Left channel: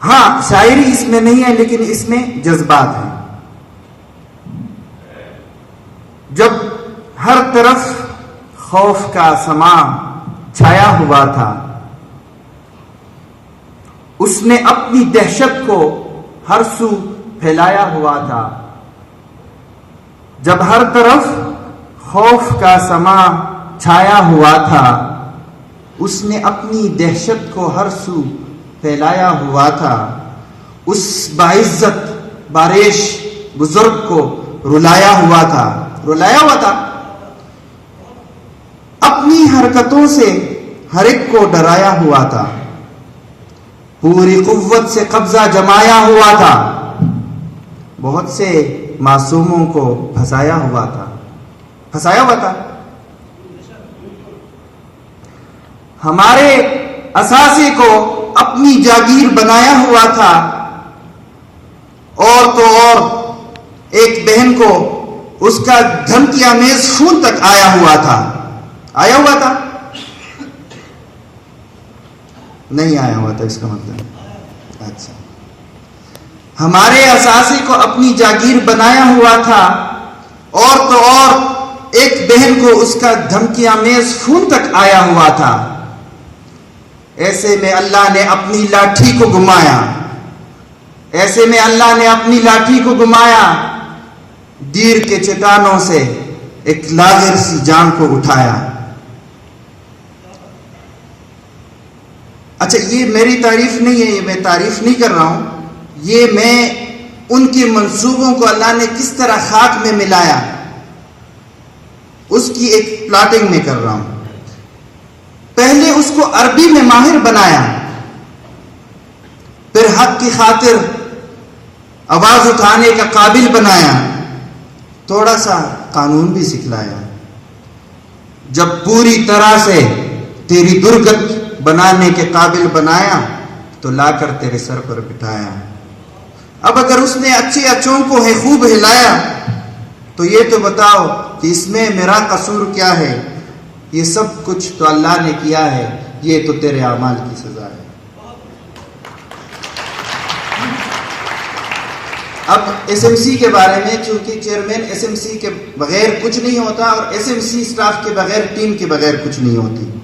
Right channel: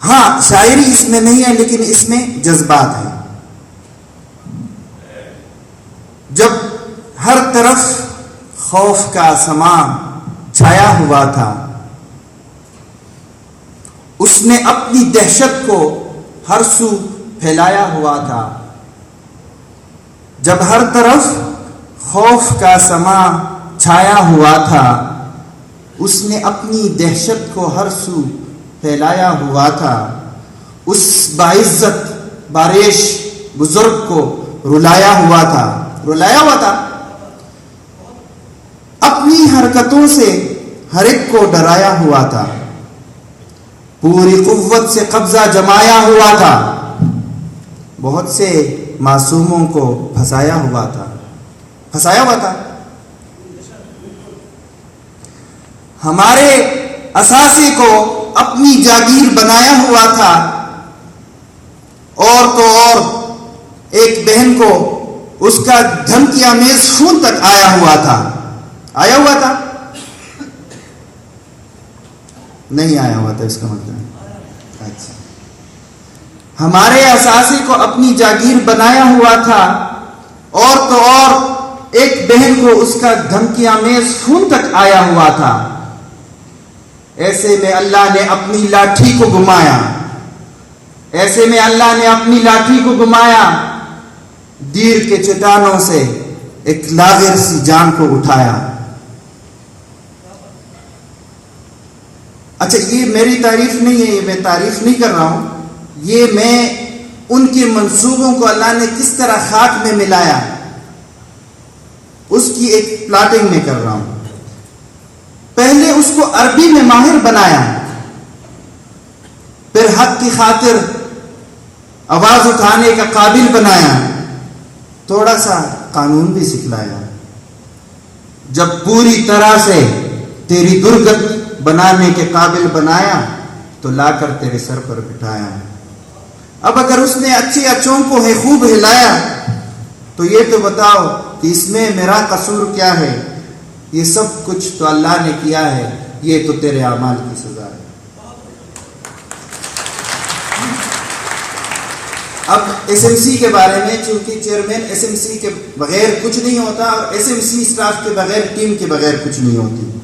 ہاں شاعری اس میں نہیں ہے لیکن اس میں جذبات ہیں. جب ہر طرف خوف کا سما چھایا ہوا تھا، اس نے اپنی دہشت کو ہر سو پھیلایا ہوا تھا. جب ہر طرف خوف کا سما چھایا ہوا تھا، اس نے اپنی دہشت کو ہر سو پھیلایا ہوا تھا. اس باعزت بارش بزرگ کو رلایا ہوا تھا. اپنی حرکتوں سے ہر ایک کو ڈرایا ہوا تھا. پوری قوت سے قبضہ جمایا ہوا تھا. بہت سے معصوموں کو پھنسایا ہوا تھا. ہمارے اثاثے کو اپنی جاگیر بنایا ہوا تھا. اور تو اور ایک بہن کو اس کا دھمکی آمیز خون تک آیا ہوا تھا. نہیں آیا ہوا تھا اس کا مطلب. اچھا، ہمارے اثاثے کو اپنی جاگیر بنایا ہوا تھا. اور تو اور ایک بہن کو اس کا دھمکی آمیز خون تک آیا ہوا تھا. ایسے میں اللہ نے اپنی لاٹھی کو گھمایا. دیر کے چٹانوں سے ایک لاغر سی جان کو اٹھایا. اچھا، یہ میری تعریف نہیں ہے، یہ میں تعریف نہیں کر رہا ہوں. یہ میں ان کے منصوبوں کو اللہ نے کس طرح خاک میں ملایا اس کی ایک پلاٹنگ میں کر رہا ہوں. پہلے اس کو عربی میں ماہر بنایا، پھر حق کی خاطر آواز اٹھانے کا قابل بنایا، تھوڑا سا قانون بھی سکھلایا. جب پوری طرح سے تیری درگت بنانے کے قابل بنایا تو لا کر تیرے سر پر بٹھایا. اب اگر اس نے اچھے اچھوں کو ہے خوب ہلایا تو یہ تو بتاؤ کہ اس میں میرا قصور کیا ہے؟ یہ سب کچھ تو اللہ نے کیا ہے، یہ تو تیرے اعمال کی سزا ہے. اب ایس ایم سی کے بارے میں، چونکہ چیئرمین ایس ایم سی کے بغیر کچھ نہیں ہوتا اور ایس ایم سی اسٹاف کے بغیر، ٹیم کے بغیر کچھ نہیں ہوتی.